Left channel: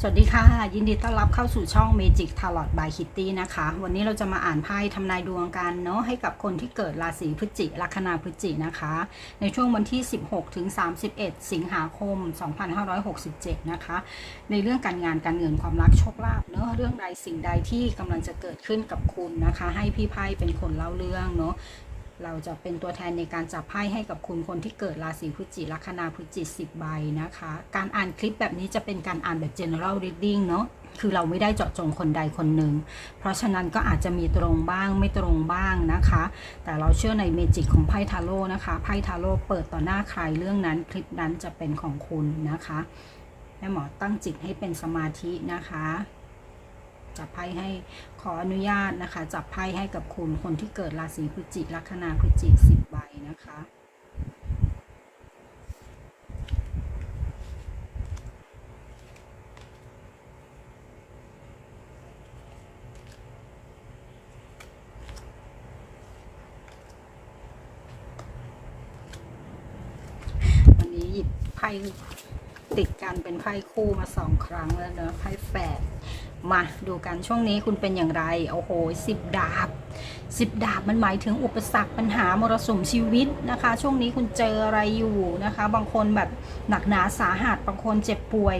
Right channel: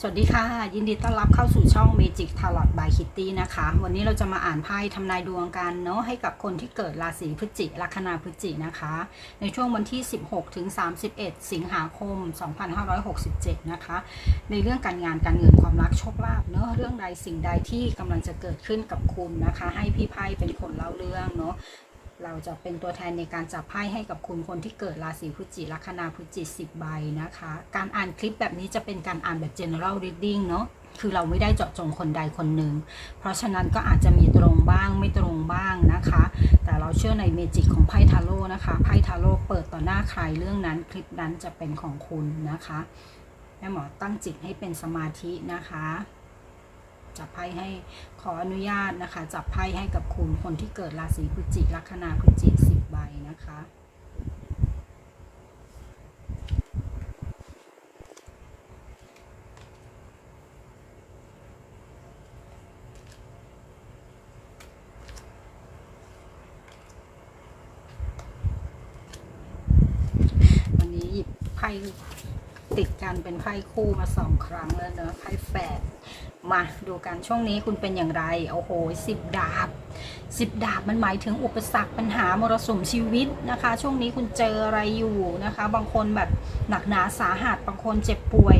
สวัสดีค่ะ ยินดีต้อนรับเข้าสู่ช่อง Magic Tarot by Kitty นะคะ วันนี้เราจะมาอ่านไพ่ทำนายดวงกันเนาะให้กับคนที่เกิดราศีพฤศจิลัคนาพฤศจินะคะ ในช่วงวันที่ 16 ถึง 31 สิงหาคม 2567 นะคะ ในเรื่องการงานการเงินความรักโชคลาภเนาะเรื่องใดสิ่งใดที่กำลังจะเกิดขึ้นกับคุณนะคะ ให้พี่ไพ่เป็นคนเล่าเรื่องเนาะ เราจะเป็นตัวแทนในการจับไพ่ให้กับคุณคนที่เกิดราศีพฤศจิลัคนาพฤศจิสิบใบนะคะ การอ่านคลิปแบบนี้จะเป็นการอ่านแบบ general reading เนาะคือเราไม่ได้เจาะจงคนใดคนหนึ่ง เพราะฉะนั้นก็อาจจะมีตรงบ้างไม่ตรงบ้างนะคะ แต่เราเชื่อในเมจิกของไพ่ทาโร่นะคะ ไพ่ทาโร่เปิดต่อหน้าใครเรื่องนั้นคลิปนั้นจะเป็นของคุณนะคะแม่หมอตั้งจิตให้เป็นสมาธินะคะ จับไพ่ให้ ขออนุญาตนะคะ จับไพ่ให้กับคุณคนที่เกิดราศีพฤศจิกลัคนาพฤศจิกสิบใบนะคะวันนี้หยิบไพ่ ติดกันเป็นไข้คู่มาสองครั้งแล้วเนอะไข้แฝดมาดูกันช่วงนี้คุณเป็นอย่างไรโอ้โหสิบดาบสิบดาบมันหมายถึงอุปสรรคปัญหามรสุมชีวิตนะคะ ช่วงนี้คุณเจออะไรอยู่นะคะ บางคนแบบหนักหนาสาหัสบางคนเจ็บป่วย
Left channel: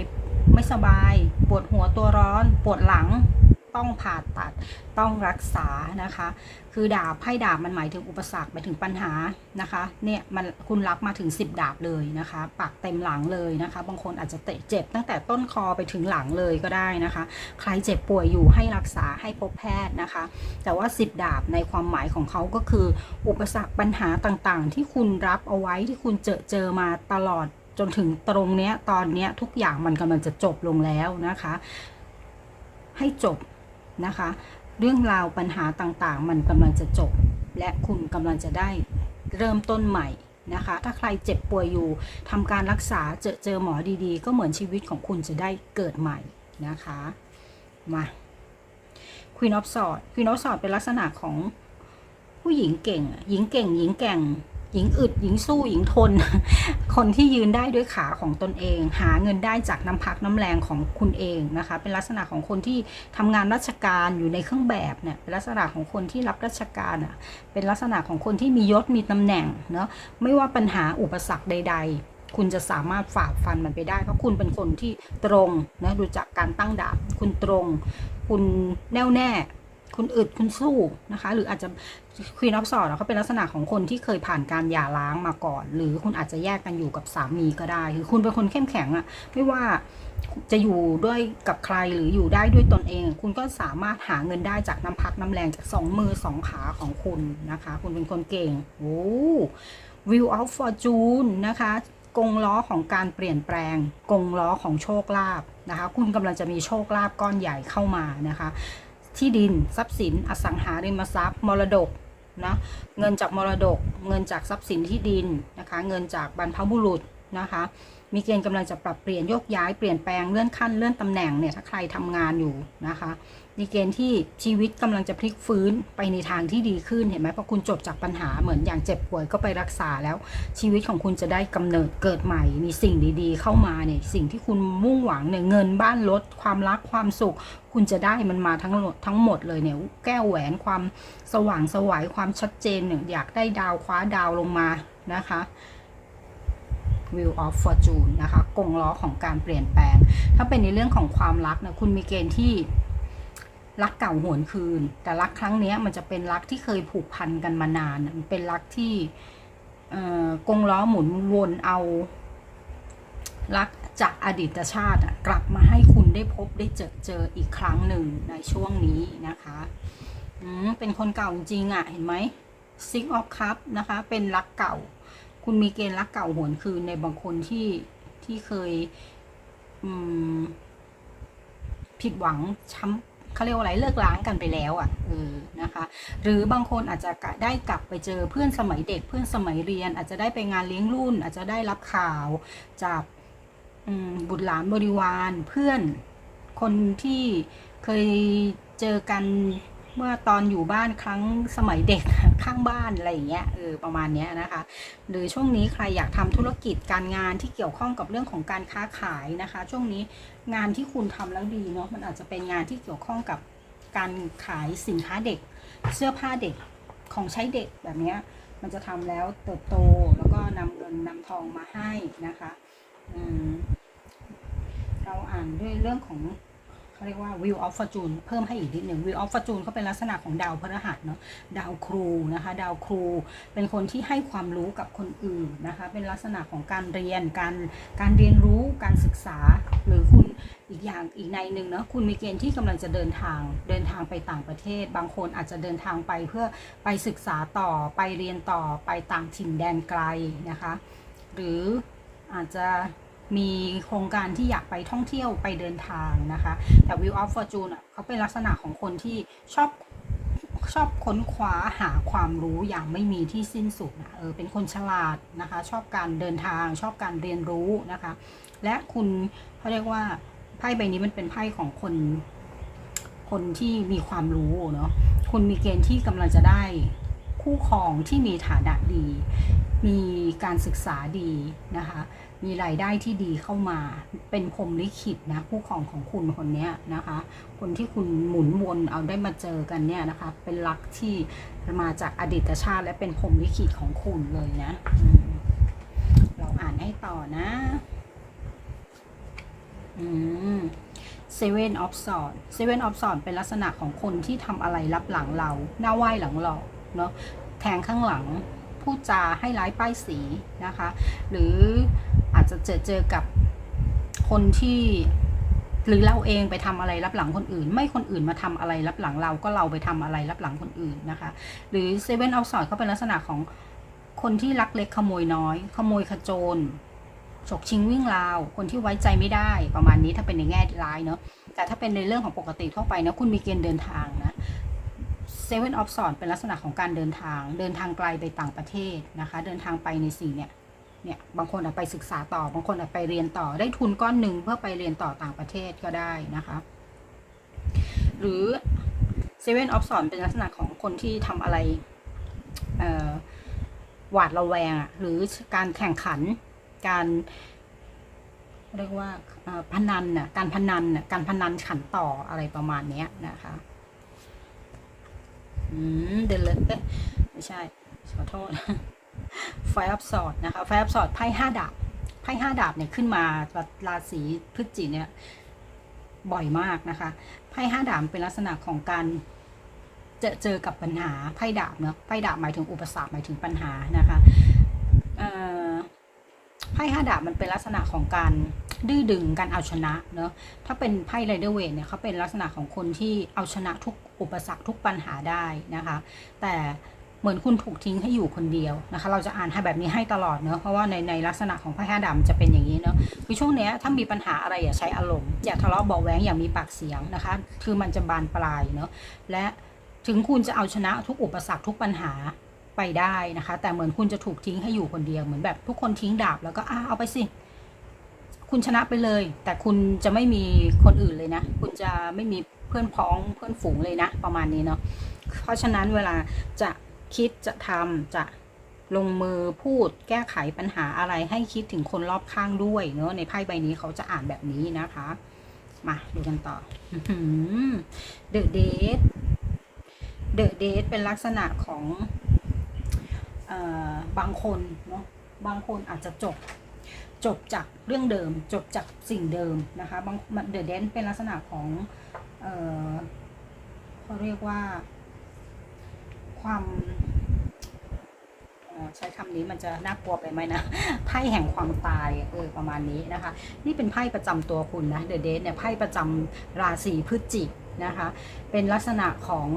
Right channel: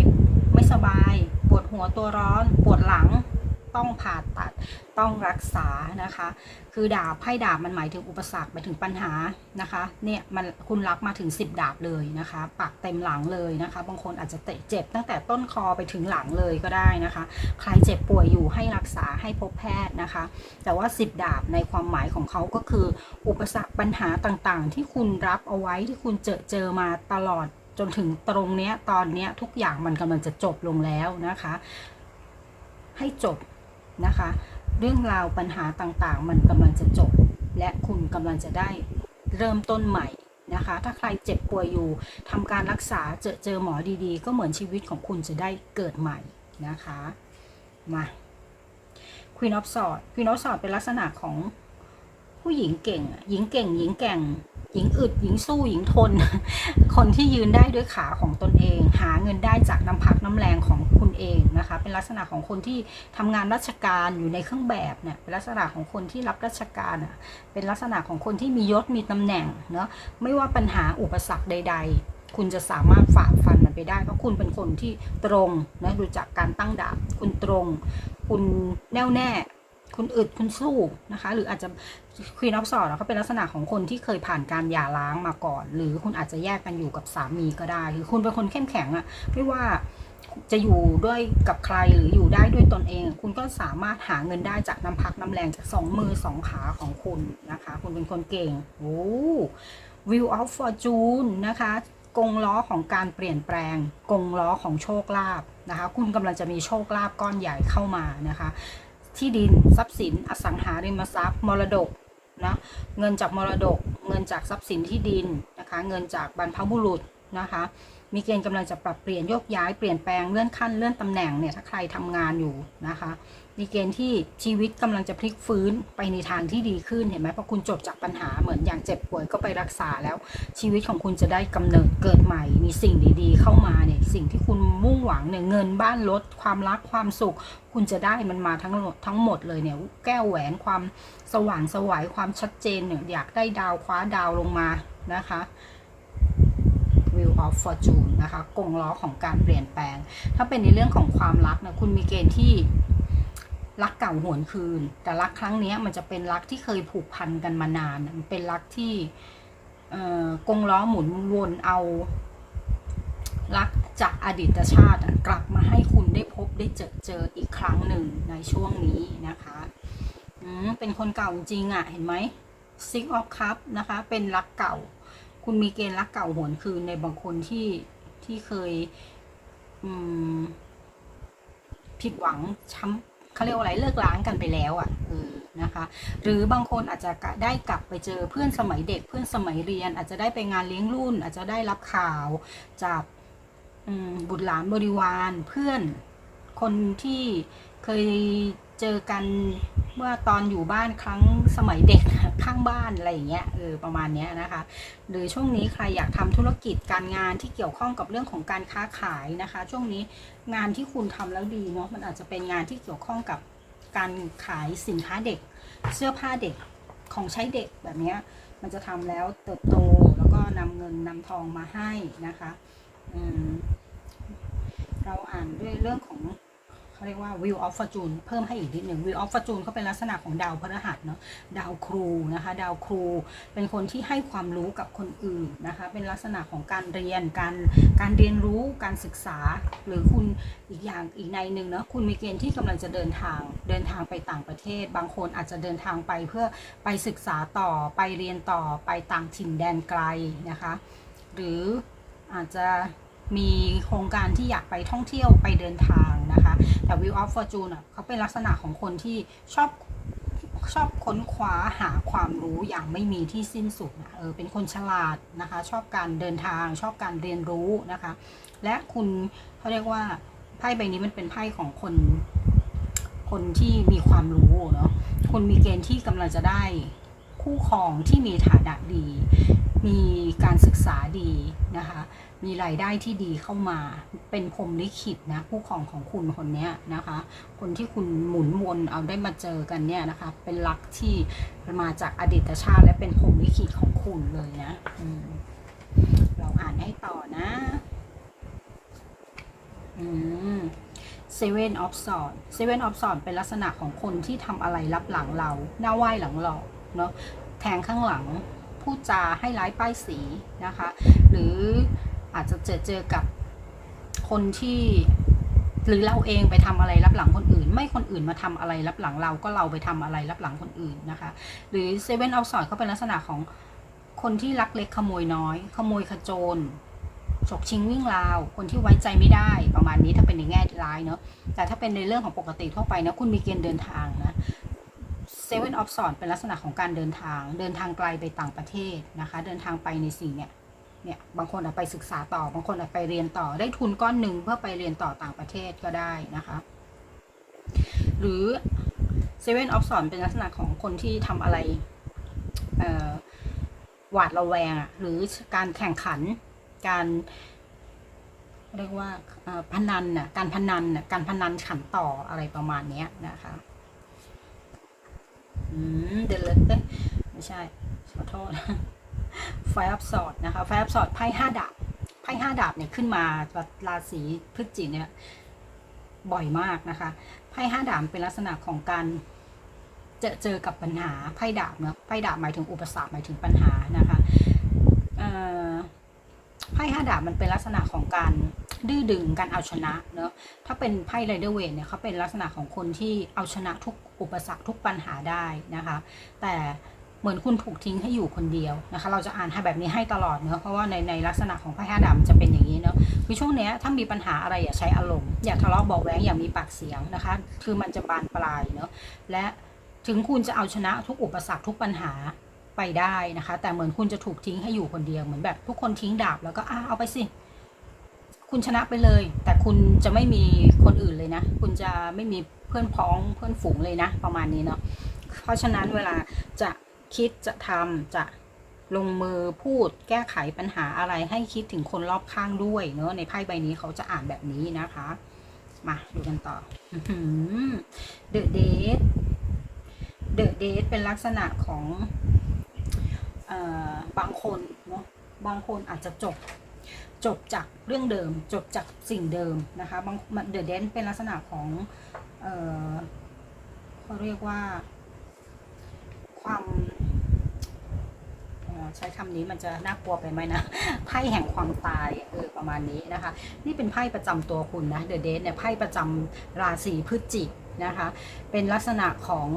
ไม่สบาย ปวดหัวตัวร้อน ปวดหลัง ต้องผ่าตัดต้องรักษานะคะ คือดาบไพ่ดาบมันหมายถึงอุปสรรคหมายถึงปัญหานะคะเนี่ยมันคุณรับมาถึง 10 ดาบเลยนะคะปักเต็มหลังเลยนะคะ บางคนอาจจะเตะเจ็บตั้งแต่ต้นคอไปถึงหลังเลยก็ได้นะคะ ใครเจ็บป่วยอยู่ให้รักษาให้พบแพทย์นะคะ แต่ว่า 10 ดาบในความหมายของเขาก็คือ อุปสรรคปัญหาต่างๆ ที่คุณรับเอาไว้ที่คุณเจอเจอมาตลอดจนถึงตรงเนี้ยตอนเนี้ยทุกอย่างมันกำลังจะจบลงแล้วนะคะ ให้จบ นะคะ เรื่องราวปัญหาต่างๆ มันกำลังจะจบ และคุณกำลังจะได้เริ่มต้นใหม่นะคะ ถ้าใครเจ็บป่วยอยู่ทำการรักษาเจอเจอหมอดีๆ ก็เหมือนชีวิตของคุณจะได้เกิดใหม่นะคะมา Queen of Swords Queen of Swords เป็นลักษณะของผู้หญิงเก่ง หญิงเก่ง หญิงแก่ง หญิงอึดหญิงสู้หญิงทน คนที่ยืนได้ด้วยขาของตนเอง หาเงินได้จากน้ำพักน้ำแรงของคุณเองนะคะ เป็นลักษณะของคนที่ทำงานราชการอยู่ในเครื่องแบบเนี่ยเป็นลักษณะของคนที่รับราชการอะเป็นลักษณะของคนที่มียศมีตำแหน่งเนาะไม่ว่าปัญหาอุปสรรคใด ๆคุณจะสามารถฝ่าฟันมันไปได้ เพราะคุณเป็นคนที่ตรงนะดูจากการตั้งดาบคุณตรง คุณแน่วแน่ คุณอึดคุณสู้นะคะ หรืออาจจะควีนออฟสอดเขาเป็นลักษณะของคนที่เคยผ่านการหย่าร้างมาก่อน หรือคุณอาจจะแยกกันอยู่กับสามีก็ได้หรือคุณเป็นคนเข้มแข็งอะไม่ว่าจะอยู่ด้วยกับใครหรืออยู่ได้ด้วยตนเอง คุณก็สามารถหาเงินได้จากน้ำพักน้ำแรงจากสองมือสองขาของคุณนะคะ คุณเป็นคนเก่งโอ้ Wheel of Fortune นะคะกงล้อของการเปลี่ยนแปลง กงล้อของโชคลาภนะคะ คุณกำลังจะมีโชคลาภก้อนใหญ่เข้ามานะคะ ที่ดินทรัพย์สินอสังหาริมทรัพย์ มรดกนะเงินจากมรดก เงินจากทรัพย์สินที่ดินนะคะเงินจากบรรพบุรุษนะคะมีเกณฑ์กำลังจะปรับเปลี่ยนโยกย้ายเปลี่ยนแปลงเลื่อนขั้นเลื่อนตำแหน่งเนี่ยถ้าใครทำงานอยู่นะคะ มีเกณฑ์ที่ชีวิตกำลังจะพลิกฟื้นไปในทางที่ดีขึ้นเห็นไหมเพราะคุณจบจากปัญหาเหมือนอย่างเจ็บป่วยก็ไปรักษาแล้ว ชีวิตของคุณจะได้กำเนิดเกิดใหม่ มีสิ่งดีๆ เข้ามาเนี่ยสิ่งที่คุณมุ่งหวังเนี่ยเงินบ้านรถความรักความสุข คุณจะได้มันมาทั้งหมดทั้งหมดเลยเนี่ยแก้วแหวนความสว่างสวัยความชัดเจนเนี่ยอยากได้ดาวคว้าดาวลงมานะคะ Wheel of Fortune นะคะกงล้อของการเปลี่ยนแปลง ถ้าเป็นในเรื่องของความรักนะคุณมีเกณฑ์ที่ รักเก่าหวนคืน แต่รักครั้งนี้มันจะเป็นรักที่เคยผูกพันกันมานานมันเป็นรักที่เอ่อกงล้อหมุนวนเอารักจากอดีตชาติกลับมาให้คุณได้พบได้เจอเจออีกครั้งหนึ่งในช่วงนี้นะคะเป็นคนเก่าจริงอะเห็นไหม Six of Cup นะคะ เป็นรักเก่า คุณมีเกณฑ์รักเก่าหวนคืนในบางคนที่ที่เคยผิดหวังช้ำ เขาเรียกว่าอะไรเลิกล้างกันไปแล้วอะ่ะเออนะคะ หรือบางคนอาจจะได้กลับไปเจอเพื่อนสมัยเด็กเพื่อนสมัยเรียน อาจจะได้ไปงานเลี้ยงรุ่น อาจจะได้รับข่าวจากอืมบุตรหลานบริวารเพื่อนคนที่เคยเจอกันเมื่อตอนอยู่บ้านครั้งสมัยเด็กข้างบ้านอะไรอย่างเงี้ยเออประมาณเนี้ยนะคะหรือช่วงนี้ใครอยากทำธุรกิจการงานที่เกี่ยวข้องกับเรื่องของการค้าขายนะคะ ช่วงนี้งานที่คุณทำแล้วดีเนาะมันอาจจะเป็นงานที่เกี่ยวข้องกับการขายสินค้าเด็ก เสื้อผ้าเด็กของใช้เด็กแบบนี้มันจะทำแล้วเติบโตแล้วก็นำเงินนำทองมาให้นะคะเราอ่านด้วยเรื่องของ เขาเรียกว่า Wheel of Fortune เพิ่มให้อีกนิดหนึ่ง Wheel of Fortune เขาเป็นลักษณะของดาวพฤหัสเนาะดาวครูนะคะ ดาวครู เป็นคนที่ให้ความรู้กับคนอื่นนะคะ เป็นลักษณะของการเรียนการการเรียนรู้การศึกษา หรือคุณอีกอย่างอีกในหนึ่งเนาะคุณมีเกณฑ์ที่กำลังจะเดินทางเดินทางไปต่างประเทศ บางคนอาจจะเดินทางไปเพื่อไปศึกษาต่อไปเรียนต่อไปต่างถิ่นแดนไกลนะคะ หรืออาจจะ มีโครงการที่อยากไปท่องเที่ยวไปเดินทางนะคะ แต่ Wheel of Fortune อะเขาเป็นลักษณะของคนที่ชอบชอบค้นคว้าหาความรู้อย่างไม่มีที่สิ้นสุดนะเออเป็นคนฉลาดนะคะ ชอบการเดินทาง ชอบการเรียนรู้นะคะ และคุณเขาเรียกว่าไพ่ใบนี้มันเป็นไพ่ของคน คนที่มีความรู้เนาะคุณมีเกณฑ์ที่กำลังจะได้คู่ครองที่มีฐานะดี มีการศึกษาดีนะคะ มีรายได้ที่ดีเข้ามา เป็นพรมลิขิตนะคู่ครองของคุณคนนี้นะคะ คนที่คุณหมุนวนเอาได้มาเจอกันเนี่ยนะคะ เป็นรักที่มาจากอดีตชาติ และเป็นพรมลิขิตของคุณเลยนะเราอ่านให้ต่อนะอืม Seven of Swords Seven of Swords เป็นลักษณะของคนที่ทำอะไรรับหลังเรา หน้าไหว้หลังหลอกเนาะแทงข้างหลังพูดจาให้ร้ายป้ายสีนะคะ หรือ อาจจะเจอเจอกับคนที่หรือเราเองไปทำอะไรรับหลังคนอื่น ไม่คนอื่นมาทำอะไรรับหลังเราก็เราไปทำอะไรรับหลังคนอื่นนะคะ หรือ Seven of Swords เขาเป็นลักษณะของคนที่ลักเล็กขโมยน้อย ขโมยขโจรฉกชิงวิ่งราว คนที่ไว้ใจไม่ได้ประมาณนี้ถ้าเป็นในแง่ร้ายเนาะแต่ถ้าเป็นในเรื่องของปกติทั่วไปนะคุณมีเกณฑ์เดินทางนะเซเว่นออฟสอนเป็นลักษณะของการเดินทาง เดินทางไกลไปต่างประเทศนะคะ เดินทางไปในสิ่เนี่ย เนี่ยบางคนอาจไปศึกษาต่อบางคนอาจไปเรียนต่อได้ทุนก้อนหนึ่งเพื่อไปเรียนต่อต่างประเทศก็ได้นะคะ หรือเซเว่นออฟสอนเป็นลักษณะของคนที่ทำอะไรหวาดระแวงหรือการแข่งขันการเรียกว่าพนันน่ะการพนันน่ะการพนันขันต่ออะไรประมาณเนี้ยนะคะอืมเดลเลตไม่ใช่ขอโทษ ไฟอัพสอดนะคะไฟอัพสอดไพ่ห้าดาบไพ่ห้าดาบเนี่ยขึ้นมาราศีพฤศจิกเนี่ยบ่อยมากนะคะไพ่ห้าดาบเป็นลักษณะของการเจอเจอกับปัญหาไพ่ดาบเนาะไพ่ดาบหมายถึงอุปสรรคหมายถึงปัญหานะคะไพ่ห้าดาบมันเป็นลักษณะของการดื้อดึงการเอาชนะเนอะถ้าเป็นไพ่ไรเดอร์เวทเนี่ยเขาเป็นลักษณะของคนที่เอาชนะทุกอุปสรรคทุกปัญหาได้นะคะ แต่ เหมือนคุณถูกทิ้งให้อยู่คนเดียวนะคะ เราจะอ่านให้แบบนี้ให้ตลอดเนอะเพราะว่าในในลักษณะของไพ่ห้าดาบมันจะเป็นอย่างนี้เนอะคือช่วงเนี้ยถ้ามีปัญหาอะไรอย่าใช้อารมณ์อย่าทะเลาะเบาะแว้งอย่ามีปากเสียงนะคะ คือมันจะบานปลายเนอะและถึงคุณจะเอาชนะทุกอุปสรรคทุกปัญหาไปได้นะคะ แต่เหมือนคุณจะถูกทิ้งให้อยู่คนเดียวเหมือนแบบทุกคนทิ้งดาบแล้วก็อ่าเอาไปสิคุณชนะไปเลย แต่คุณจะไม่มีคนอื่นเลยนะ คุณจะไม่มีเพื่อนพ้องเพื่อนฝูงเลยนะ ประมาณนี้เนาะเพราะฉะนั้นเวลาจะ คิดจะทำจะลงมือพูดแก้ไขปัญหาอะไรให้คิดถึงคนรอบข้างด้วยเนาะในไพ่ใบนี้เขาจะอ่านแบบนี้นะคะ มาดูกันต่อเดอะเดทเดอะเดทเป็นลักษณะของอบางคนเนาะบางคนอาจจะจบจบจากเรื่องเดิม จบจากสิ่งเดิมนะคะบางเดอะเดนเป็นลักษณะของเออเขาเรียกว่า ความ ใช้คำนี้มันจะน่ากลัวไปไหมนะไพ่แห่งความตายเออประมาณนี้นะคะ นี่เป็นไพ่ประจำตัวคุณนะเดอะเดนเนี่ยไพ่ประจำราศีพฤศจิกนะคะ เป็นลักษณะของ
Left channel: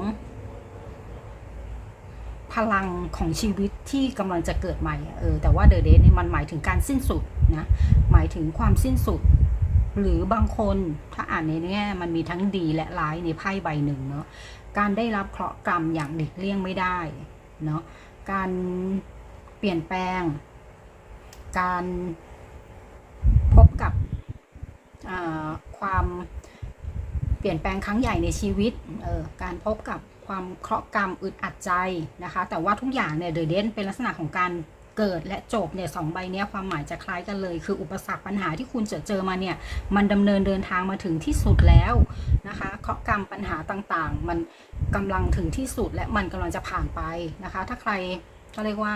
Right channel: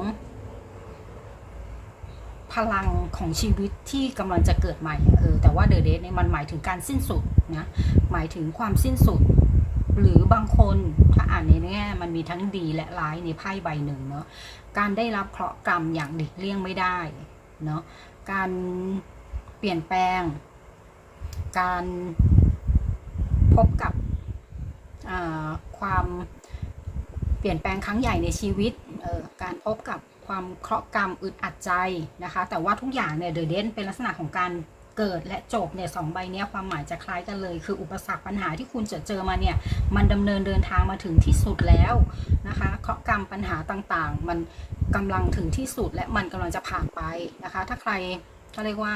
พลังของชีวิตที่กำลังจะเกิดใหม่เออแต่ว่าเดอะเดทเนี่ยมันหมายถึงการสิ้นสุดนะหมายถึงความสิ้นสุด หรือบางคนถ้าอ่านในแง่มันมีทั้งดีและร้ายในไพ่ใบหนึ่งเนาะการได้รับเคราะห์กรรมอย่างหลีกเลี่ยงไม่ได้เนาะ การเปลี่ยนแปลง การพบกับความเปลี่ยนแปลงครั้งใหญ่ในชีวิตออการพบกับความเคราะห์กรรมอึดอัดใจนะคะ แต่ว่าทุกอย่างเนี่ยเดอเดนเป็นลักษณะของการเกิดและจบเนี่ยสองใบเนี้ยความหมายจะคล้ายกันเลย คืออุปสรรคปัญหาที่คุณจะเจอมาเนี่ยมันดำเนินเดินทางมาถึงที่สุดแล้วนะคะเคราะห์กรรมปัญหาต่างๆ มัน กำลังถึงที่สุดและมันกำลังจะผ่านไปนะคะ ถ้าใครก็เรียกว่า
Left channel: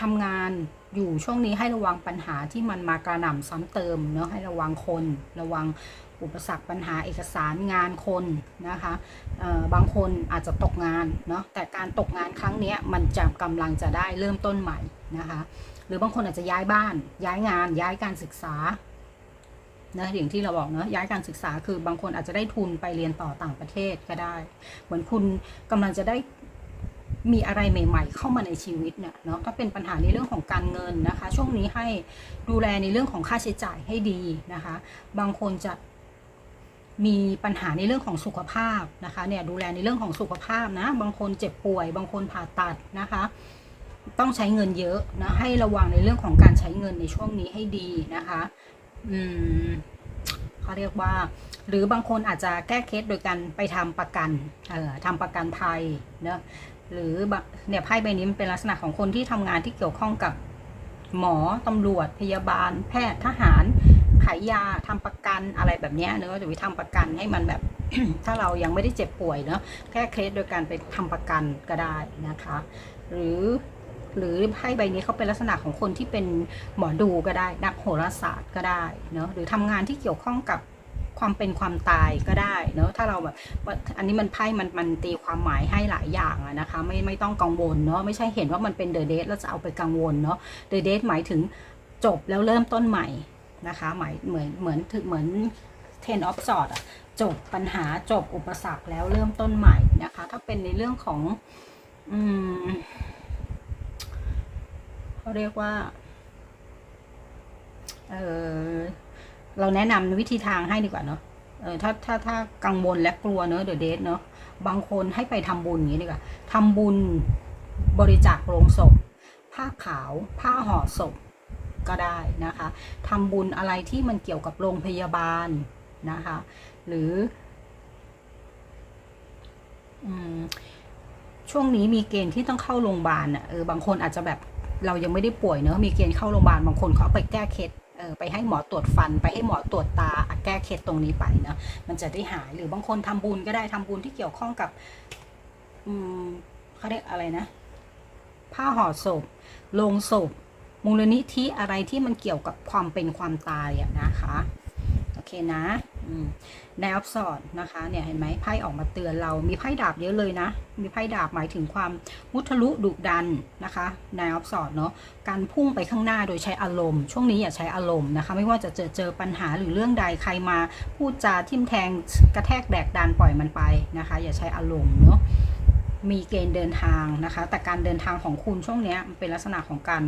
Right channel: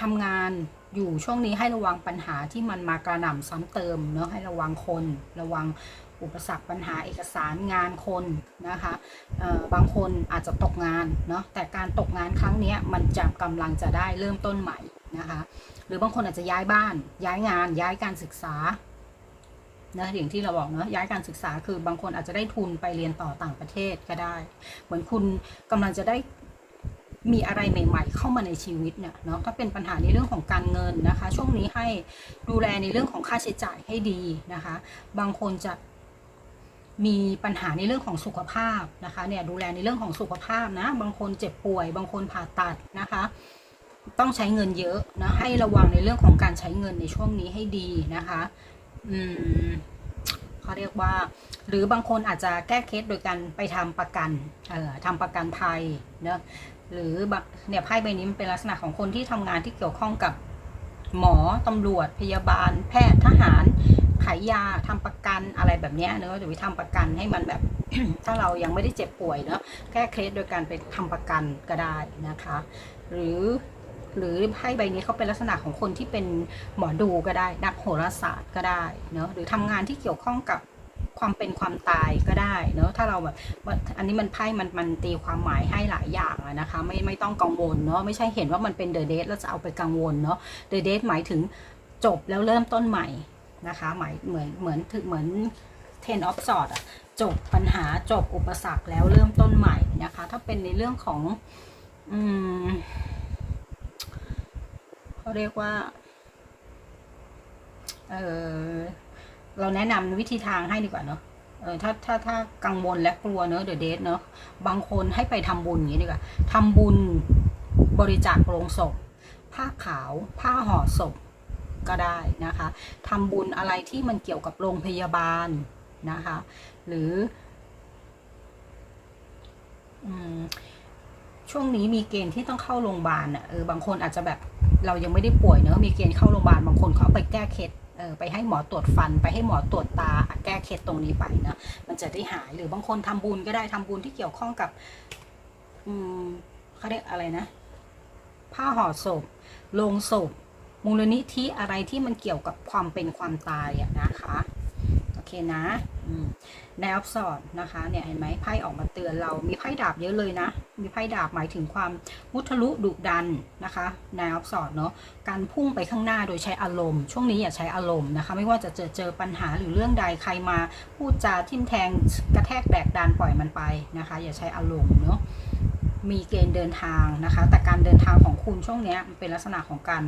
ทำงานอยู่ช่วงนี้ให้ระวังปัญหาที่มันมากระหน่ำซ้ำเติมเนาะให้ระวังคน ระวังอุปสรรคปัญหาเอกสารงานคนนะคะบางคนอาจจะตกงานเนาะแต่การตกงานครั้งนี้มันจะกำลังจะได้เริ่มต้นใหม่นะคะ หรือบางคนอาจจะย้ายบ้าน ย้ายงาน ย้ายการศึกษา นะอย่างที่เราบอกเนาะย้ายการศึกษาคือบางคนอาจจะได้ทุนไปเรียนต่อต่างประเทศก็ได้ เหมือนคุณกำลังจะได้มีอะไรใหม่ ๆ เข้ามาในชีวิตเนี่ยเนาะถ้าเป็นปัญหาในเรื่องของการเงินนะคะ ช่วงนี้ให้ดูแลในเรื่องของค่าใช้จ่ายให้ดีนะคะ บางคนจะมีปัญหาในเรื่องของสุขภาพนะคะเนี่ยดูแลในเรื่องของสุขภาพนะ บางคนเจ็บป่วย บางคนผ่าตัดนะคะ ต้องใช้เงินเยอะนะให้ระวังในเรื่องของการใช้เงินในช่วงนี้ให้ดีนะคะ อืมเขาเรียกว่า หรือบางคนอาจจะแก้เคล็ดโดยการไปทำประกัน เอ่อทำประกันภัยเนะหรือเนี่ยไพ่ใบนี้มันเป็นลักษณะของคนที่ทำงานที่เกี่ยวข้องกับหมอตำรวจพยาบาล แพทย์ทหารขายยาทำประกันอะไรแบบนี้เนอะหรือทำประกันให้มันแบบ ถ้าเรายังไม่ได้เจ็บป่วยเนาะแก้เคล็ดโดยการไปทำประกันก็ได้นะคะ หรือ หรือไพ่ใบนี้เขาเป็นลักษณะของคนที่เป็นหมอดูก็ได้นักโหราศาสตร์ก็ได้เนาะหรือทำงานที่เกี่ยวข้องกับความเป็นความตายก็ได้เนาะถ้าเราแบบว่าอันนี้มันไพ่มันมันตีความหมายให้หลายอย่างอะนะคะ ไม่ไม่ต้องกังวลเนาะไม่ใช่เห็นว่ามันเป็นเดอะเดทแล้วจะเอาไปกังวลเนาะเดอะเดทหมายถึงจบแล้วเริ่มต้นใหม่นะคะหมายเหมือนเหมือนถึงเหมือน ten of swords อะจบปัญหาจบอุปสรรคแล้วเริ่มต้นใหม่นะคะ ถ้าเป็นในเรื่องของ อืม เขาเรียกว่า เออเราแนะนำวิธีทางให้ดีกว่าเนาะเออถ้าถ้าถ้ากังวลและกลัวเนอะเดอะเดทเนาะบางคนให้ไปทำบุญอย่างนี้ดีกว่าทำบุญบริจาคโรงศพ ผ้าขาว ผ้าห่อศพก็ได้นะคะทำบุญอะไรที่มันเกี่ยวกับโรงพยาบาลนะคะ หรืออมช่วงนี้มีเกณฑ์ที่ต้องเข้าโรงพยาบาลอะเออบางคนอาจจะแบบ เรายังไม่ได้ป่วยเนอะมีเกณฑ์เข้าโรงพยาบาลบางคนเขาเอไปแก้เคล็ดเออไปให้หมอตรวจฟัน ไปให้หมอตรวจตาแก้เคล็ดตรงนี้ไปนะมันจะได้หายหรือบางคนทำบุญก็ได้ทำบุญที่เกี่ยวข้องกับ อืมเขาเรียกอะไรนะ ผ้าห่อศพโลงศพมูลนิธิอะไรที่มันเกี่ยวกับความเป็นความตายอะนะคะ โอเคนะ แนวสอดนะคะเนี่ยเห็นไหมไพ่ออกมาเตือนเรามีไพ่ดาบเยอะเลยนะ มีไพ่ดาบหมายถึงความมุทะลุดุดันนะคะแนวสอดเนาะการพุ่งไปข้างหน้าโดยใช้อารมณ์ ช่วงนี้อย่าใช้อารมณ์นะคะ ไม่ว่าจะเจอเจอปัญหาหรือเรื่องใดใครมาพูดจาทิมแทงกระแทกแดกดันปล่อยมันไปนะคะ อย่าใช้อารมณ์เนาะมีเกณฑ์เดินทางนะคะ แต่การเดินทางของคุณช่วงนี้มันเป็นลักษณะของการ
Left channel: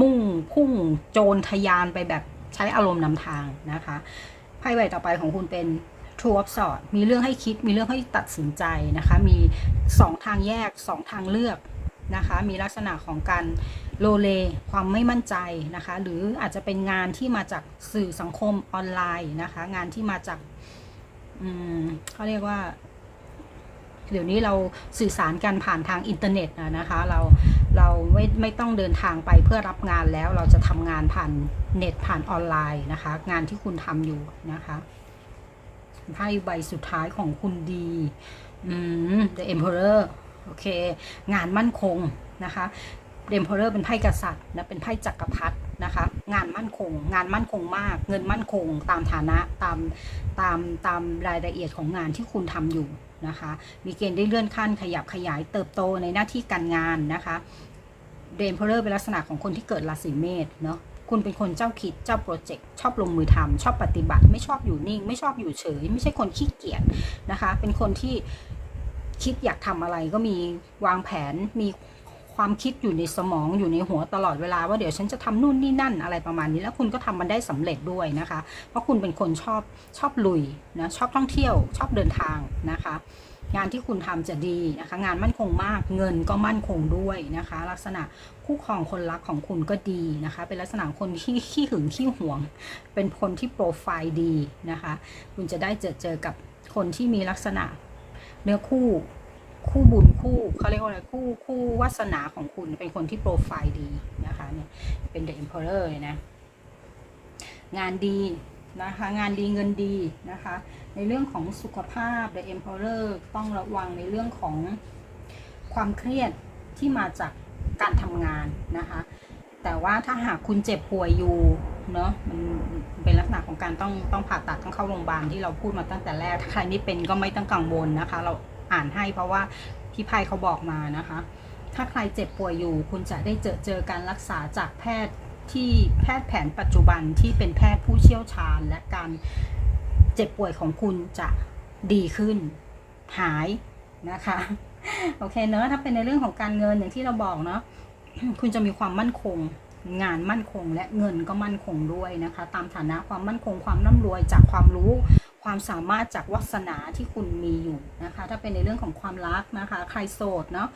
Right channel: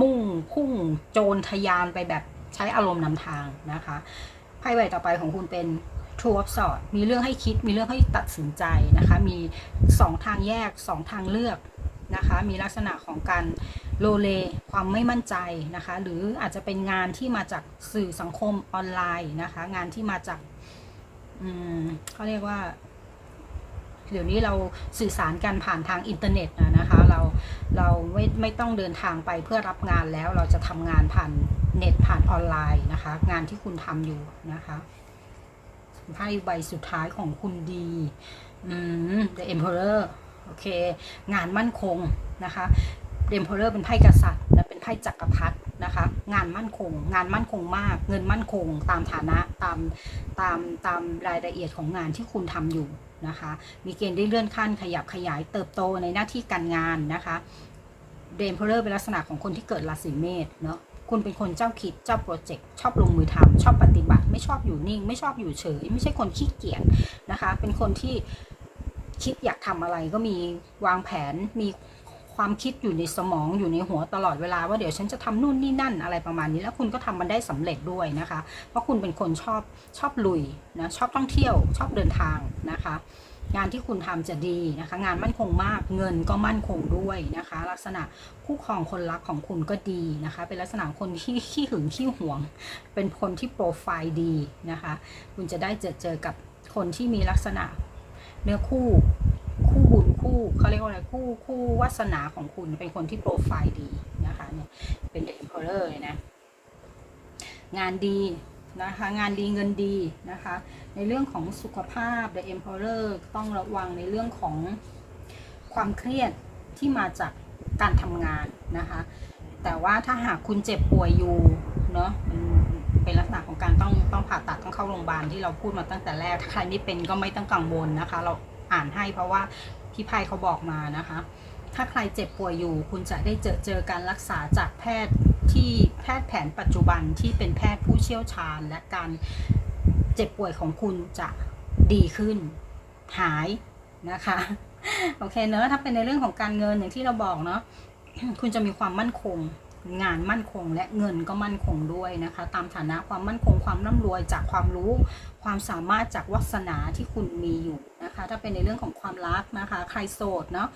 มุ่งพุ่งโจรทยานไปแบบใช้อารมณ์นำทางนะคะ ไพ่ใบต่อไปของคุณเป็น True of Swords มีเรื่องให้คิด มีเรื่องให้ตัดสินใจนะคะ มีสองทางแยกสองทางเลือกนะคะ มีลักษณะของการโลเล ความไม่มั่นใจนะคะ หรืออาจจะเป็นงานที่มาจากสื่อสังคมออนไลน์นะคะ งานที่มาจากอืมเขาเรียกว่า เดี๋ยวนี้เราสื่อสารกันผ่านทางอินเทอร์เน็ตนะคะเราเราไม่ไม่ต้องเดินทางไปเพื่อรับงานแล้วเราจะทำงานผ่านเน็ตผ่านออนไลน์นะคะ งานที่คุณทำอยู่นะคะไพ่ใบสุดท้ายของคุณดี อืม The Emperor โอเค งานมั่นคงนะคะ The Emperor เป็นไพ่กษัตริย์และเป็นไพ่จักรพรรดินะคะ งานมั่นคง งานมั่นคงมาก เงินมั่นคง ตามฐานะตามตามตามรายละเอียดของงานที่คุณทำอยู่ นะคะ มีเกณฑ์ได้เลื่อนขั้นขยับขยายเติบโตในหน้าที่การงานนะคะเดนเพลเลอร์เป็นลักษณะของคนที่เกิดราศีเมษเนาะคุณเป็นคนเจ้าคิดเจ้าโปรเจกต์ชอบลงมือทำชอบปฏิบัติ ไม่ชอบอยู่นิ่ง ไม่ชอบอยู่เฉย ไม่ใช่คนขี้เกียจนะคะ เป็นคนที่คิดอยากทำอะไรก็มีวางแผนมี ความคิดอยู่ในสมองอยู่ในหัวตลอดเวลาว่าเดี๋ยวฉันจะทำนู่นนี่นั่นอะไรประมาณนี้ แล้วคุณก็ทำมันได้สำเร็จด้วยนะคะ เพราะคุณเป็นคนชอบชอบลุยนะชอบท่องเที่ยว ชอบเดินทางนะคะ งานที่คุณทำจะดีนะคะ งานมั่นคงมากเงินก็มั่นคงด้วยนะคะ ลักษณะคู่ครองคนรักของคุณก็ดีนะคะ เป็นลักษณะคนที่ขี้หึงขี้หวง เป็นคนที่โปรไฟล์ดีนะคะ คุณจะได้เจอเจอกับคนที่มีลักษณะเนื้อคู่ คู่บุญคู่เขาเรียกว่าอะไรคู่คู่วาสนาของคุณเป็นคนที่โปรไฟล์ดีนะคะเนี่ยเป็น The Emperor เลยนะงานดีนะคะงานดีเงินดีนะคะ ในเรื่องของสุขภาพ The Emperor ต้องระวังในเรื่องของความเครียดที่มาจากการทำงานนะคะ แต่ว่าถ้าหากคุณเจ็บป่วยอยู่เนาะมันเป็นลักษณะของการต้องต้องผ่าตัดต้องเข้าโรงพยาบาลที่เราพูดมาตั้งแต่แรกถ้าใครไม่เป็นก็ไม่ต้องกังวลนะคะ เรา อ่านให้เพราะว่าพี่ไพเขาบอกมานะคะ ถ้าใครเจ็บป่วยอยู่ คุณจะได้เจอเจอการรักษาจากแพทย์ที่แพทย์แผนปัจจุบันที่เป็นแพทย์ผู้เชี่ยวชาญ และการเจ็บป่วยของคุณจะดีขึ้นหายนะคะโอเคเนอะถ้าเป็นในเรื่องของการเงินอย่างที่เราบอกเนาะคุณจะมีความมั่นคง งานมั่นคงและเงินก็มั่นคงด้วยนะคะ ตามฐานะความมั่นคงความร่ำรวยจากความรู้ ความสามารถจากวาสนาที่คุณมีอยู่นะคะ ถ้าเป็นในเรื่องของความรักนะคะ ใครโสดเนาะ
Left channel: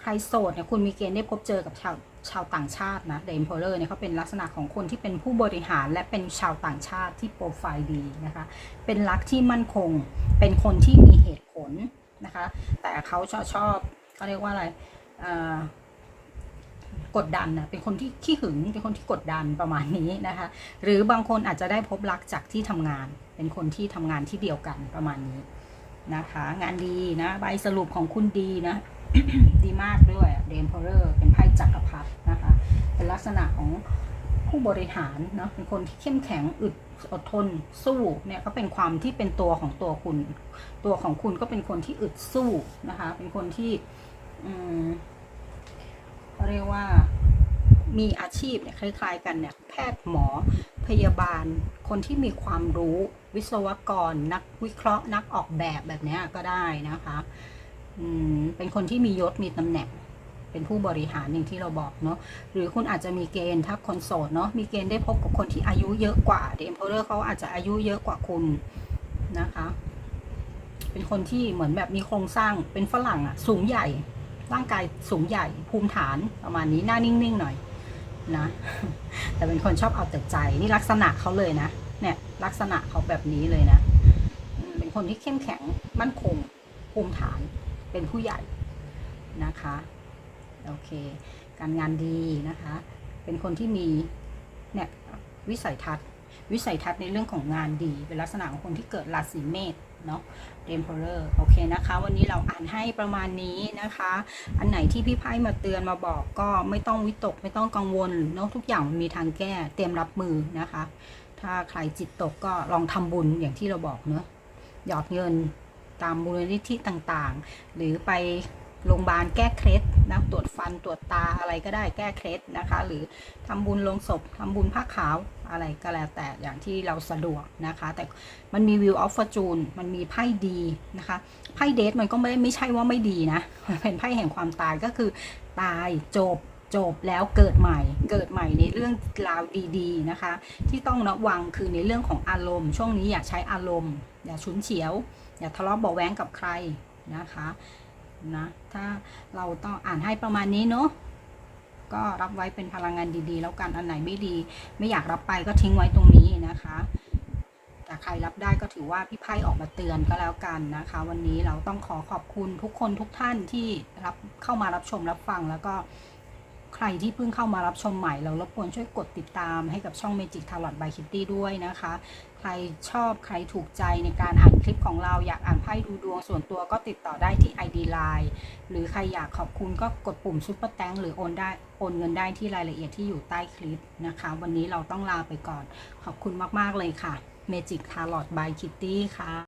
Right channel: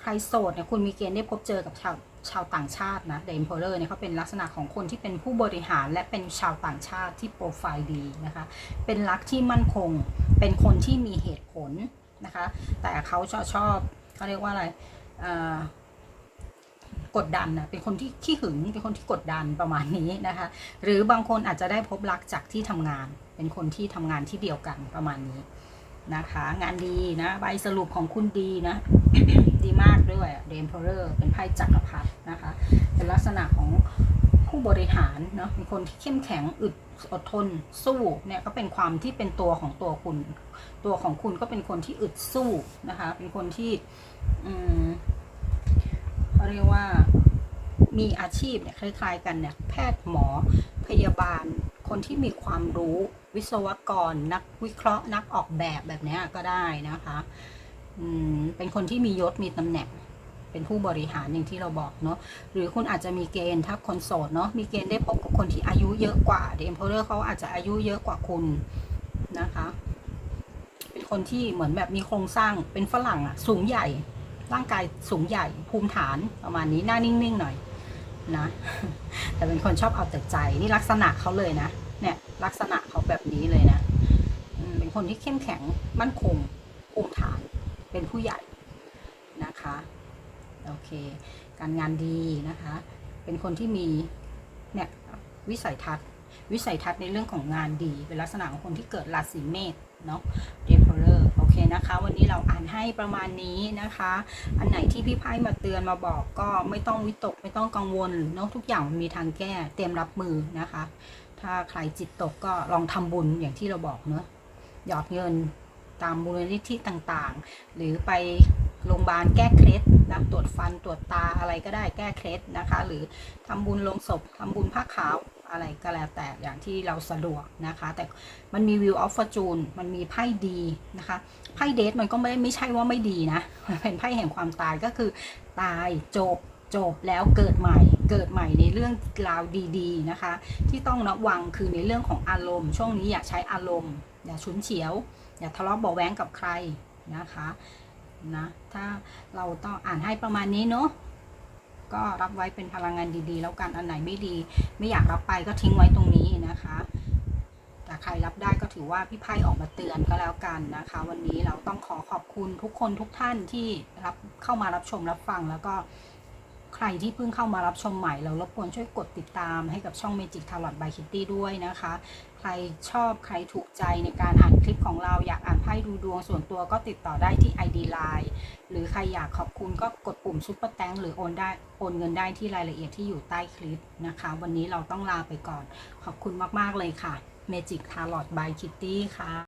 ใครโสดเนี่ยคุณมีเกณฑ์ได้พบเจอกับชาวชาวต่างชาตินะเดมเพลเลอร์เนี่ยเขาเป็นลักษณะของคนที่เป็นผู้บริหารและเป็นชาวต่างชาติที่โปรไฟล์ดีนะคะ เป็นรักที่มั่นคง เป็นคนที่มีเหตุผลนะคะ แต่เขาชอบชอบเขาเรียกว่าอะไรอ่ากดดันนะเป็นคนที่ขี้หึง เป็นคนที่กดดันประมาณนี้นะคะ หรือบางคนอาจจะได้พบรักจากที่ทำงาน เป็นคนที่ทำงานที่เดียวกันประมาณนี้นะคะ งานดีนะ ใบสรุปของคุณดีนะ ดีมากด้วยเดมเพอร์เป็นไพ่จักรพรรดินะคะ เป็นลักษณะของผู้บริหารเนาะเป็นคนที่เข้มแข็งอึดอดทนสู้เนี่ยก็เป็นความที่เป็นตัวของตัวคุณ ตัวของคุณก็เป็นคนที่อึดสู้นะคะ เป็นคนที่อืมเขาเรียกว่ามีอาชีพเนี่ยคล้ายๆกันเนี่ยแพทย์หมอพยาบาลคนที่มีความรู้ วิศวกรนักวิเคราะห์นักออกแบบแบบนี้ก็ได้นะคะอืมเป็นคนที่มียศมีตำแหน่ง เป็นผู้บริหารอย่างที่เราบอกเนาะหรือคุณอาจจะมีเกณฑ์ถ้าคนโสดเนาะมีเกณฑ์ได้พบกับคนที่อายุเยอะกว่าเดมเพลเลอร์เขาอาจจะอายุเยอะกว่าคุณนะคะ เป็นคนที่เหมือนแบบมีโครงสร้างเป็นฝรั่งอะสูงใหญ่ ร่างกายสูงใหญ่ ภูมิฐานประมาณนี้หน้านิ่งๆหน่อยนะ แต่เป็นคนชอบเอาแต่ใจนี่ลักษณะเขาเลยนะ ลักษณะเขาแบบนี้เลยนะเป็นคนที่เข้มแข็งมั่นคงภูมิฐานเป็นผู้ใหญ่นะคะโอเค การงานดีนะคะ เป็นคนที่มีเนี่ยวิสัยทัศน์ วิสัยทัศน์ในเรื่องของงานดี เป็นลักษณะของคนที่เกิดราศีเมษเนาะเดมเพลอร์โอเคนะคะ วันนี้เราอ่านให้ประมาณนี้นะคะ อันไหนที่พี่ไพ่มาเตือนมาบอกก็ไม่ต้องวิตก ไม่ต้องกังวลเนาะทุกอย่างมันมีทางแก้เตรียมรับมือนะคะ ถ้าใครจิตตกก็ลองทำบุญอย่างที่เราบอกเนาะหยอดเงินตามมูลนิธิต่างๆ หรือไปโรงพยาบาลแก้เคล็ดนะตรวจฟันตรวจตาอะไรก็ได้แก้เคล็ดนะคะ หรือทำบุญลงศพทำบุญผ้าขาวอะไรก็แล้วแต่อย่างที่เราสะดวกนะคะ แต่มันมีวิวออฟฟอร์จูนมันมีไพ่ดีนะคะไพ่เดทมันก็ไม่ไม่ใช่ว่าไม่ดีนะ เป็นไพ่แห่งความตายก็คือตายจบ จบแล้วเกิดใหม่ เกิดใหม่ในเรื่องราวดีๆนะคะ ที่ต้องระวังคือในเรื่องของอารมณ์ ช่วงนี้อย่าใช้อารมณ์ อย่าฉุนเฉียว อย่าทะเลาะเบาะแว้งกับใครนะคะนะถ้าเราต้องอ่านให้ประมาณนี้เนาะก็รับไว้เป็นพลังงานดีๆ แล้วกันอันไหนไม่ดี ไม่อยากรับไปก็ทิ้งไว้ตรงนี้นะคะแต่ใครรับได้ก็ถือว่าพี่ไพ่ออกมาเตือนก็แล้วกันนะคะ วันนี้เราต้องขอขอบคุณทุกคนทุกท่านที่รับเข้ามารับชมรับฟังแล้วก็ ใครที่เพิ่งเข้ามารับชมใหม่ เรารบกวนช่วยกดติดตามให้กับช่อง Magic Tarot by Kitty ด้วยนะคะ ใครชอบใครถูกใจในการอ่านคลิปของเราอยากอ่านไพ่ดูดวงส่วนตัวก็ติดต่อได้ที่ ID Line หรือใครอยากขอบคุณก็กดปุ่มซุปเปอร์แตงหรือโอนได้โอนเงินได้ที่รายละเอียดที่อยู่ใต้คลิปนะคะ วันนี้เราต้องลาไปก่อน ขอบคุณมาก ๆ เลยค่ะ Magic Tarot by Kitty ค่ะ